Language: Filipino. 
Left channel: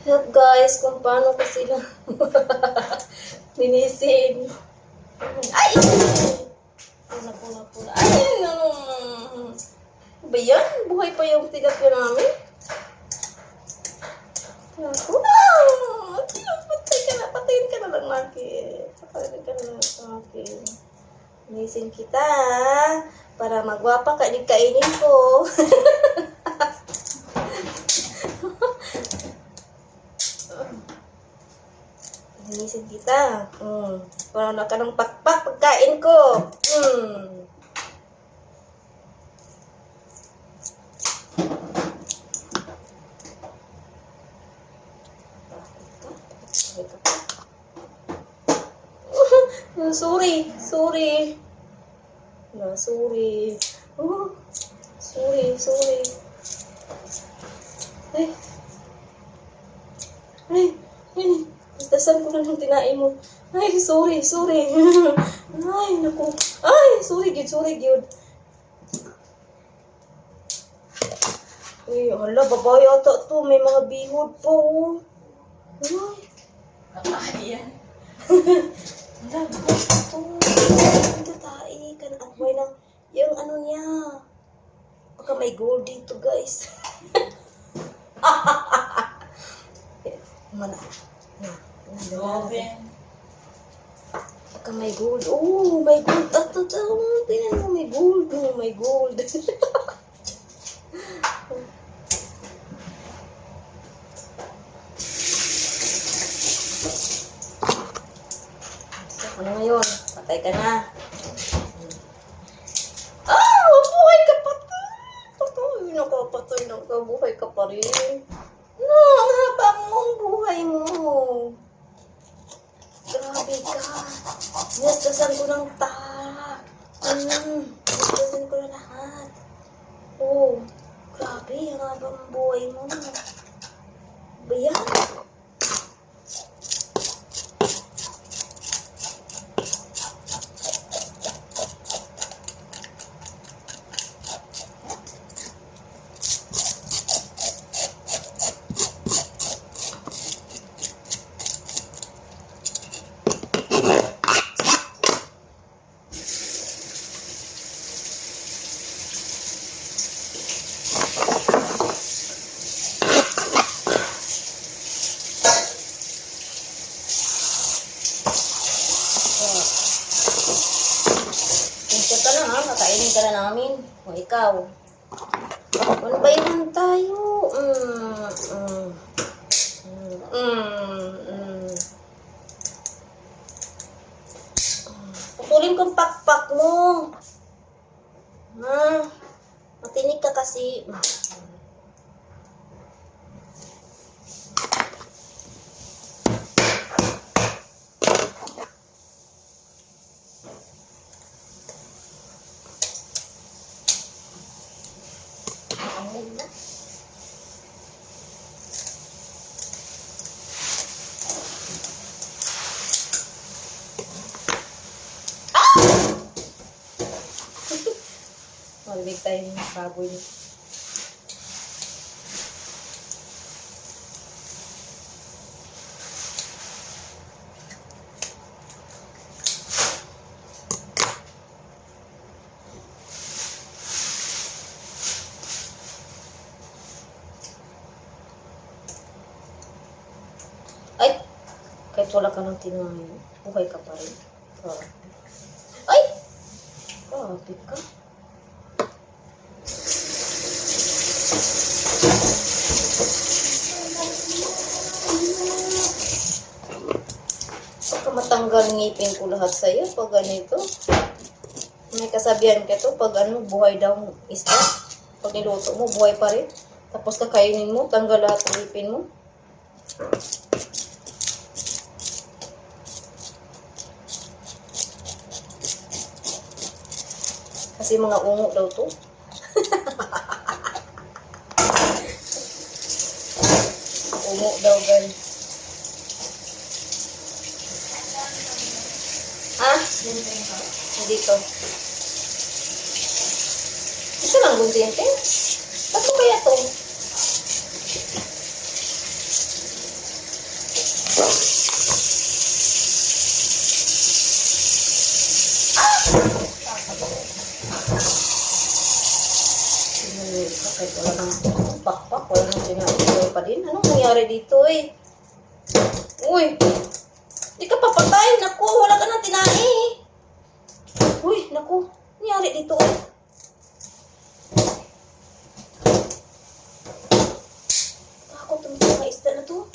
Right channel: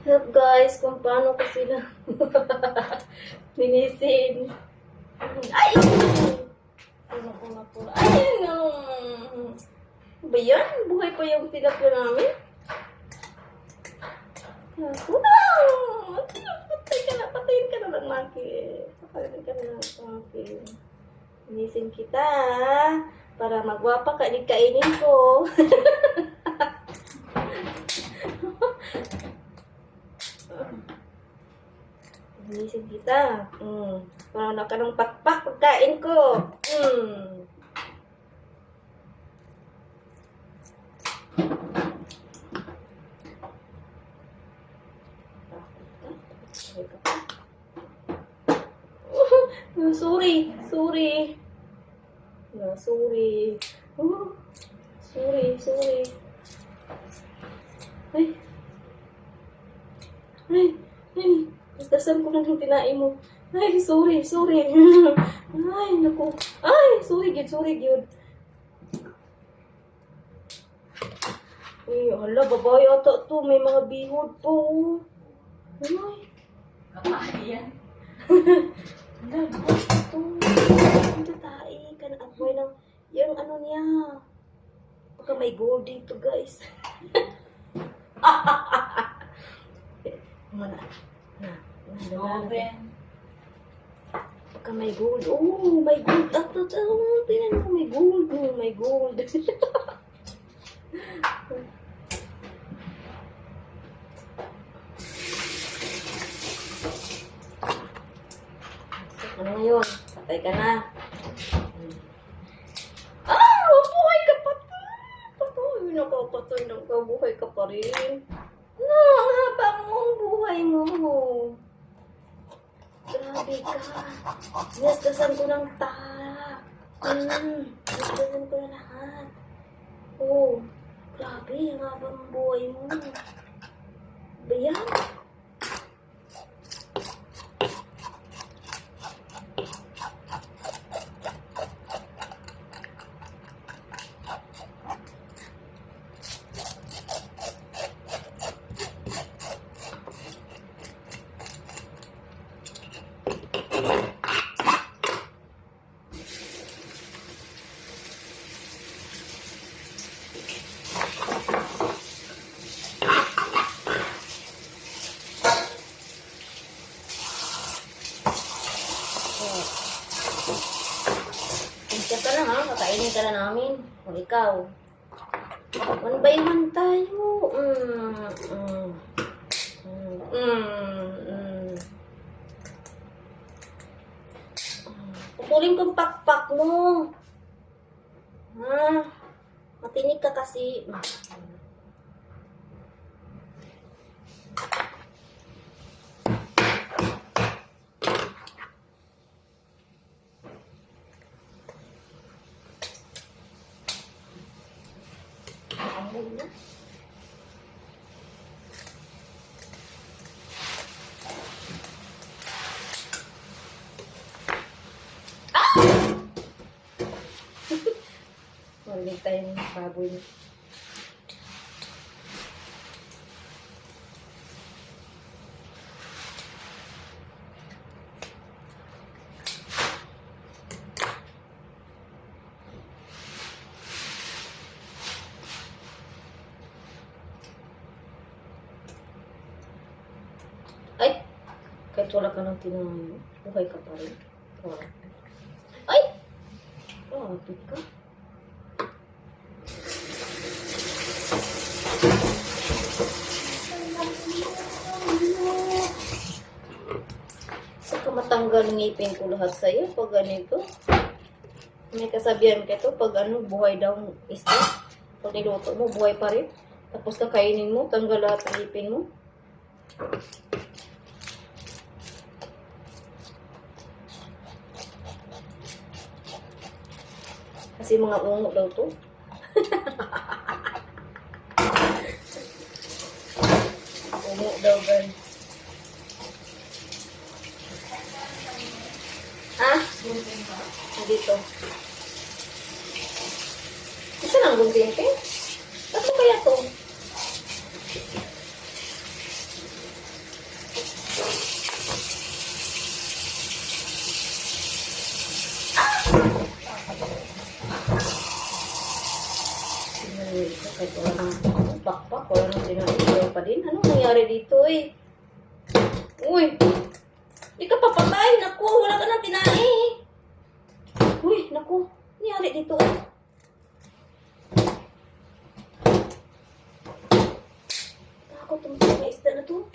Help guys, kung paano ko sila linisin. Ay! Pula. Ay! Ba yan? Buhay pa yung tilapia namin? Ako lang! Patayin ka na lang natin. Patayin ka na lang natin. Linisin kita para magwapa ka. Kainin ko. Linisin kita. Para na ka ng pakpak pagkain ko. Sorry. No, sorry. Sorry. Ay. Dasan ko lang ng tinain mo. Ay, sorry. Ay, naku. Ay, sorry, good. Ay, hala, babae ata to. May mga bihod po. Ay. Kakain yan. Hala, babae to. Hindi tayo. Kanakaway ng, yung ano niya. Baka may gold dito, guys. Mana. Oven. Baka may gold. Oh, may gold. Tinan mo, may gold. Oh, may gold. Ano ngayon? Patay ka na. Buhay ka pa. Patay na ka. Buhay ka pa rin. No, ang haba mo ang buhay mo. Grabe ka. Nastasan ko ng taha. Nastasan ko na lahat. Oh, grabe. Ang haba ng buhay mo. Ba yan? Pinsa ka lang ha, kakainin ka na namin. O ikaw. One by one tayo. Putulin kong pakpak mo. Ha? Matinig ka kasi. Na. Malig tayong baboy. Ay! Kahit wala ka ng tinahin, buhay ka pa rin. Ay! Grabe ka. Baka matanggal ngipin ko lahat sa'yo pag ganito. May kasabihan ka to, pag ano, buhay daw isda. Pag niluto mo, buhay pa rin. Tapos kakainin mo, tanggal lahat ng ngipin mo. Kasi mga ungo daw to. Ungo daw, guys. Ha? Dito. Isa lang gunting, eh? Ba't mo kaya to? Kahit wala nang pakpak, wala nang pinain pa din. Anong nangyari dito eh? Uy! Di ka papatay! Naku! Wala ka nang tinae! Uy! Naku! Nangyari dito eh? Takot ang mga isda na to.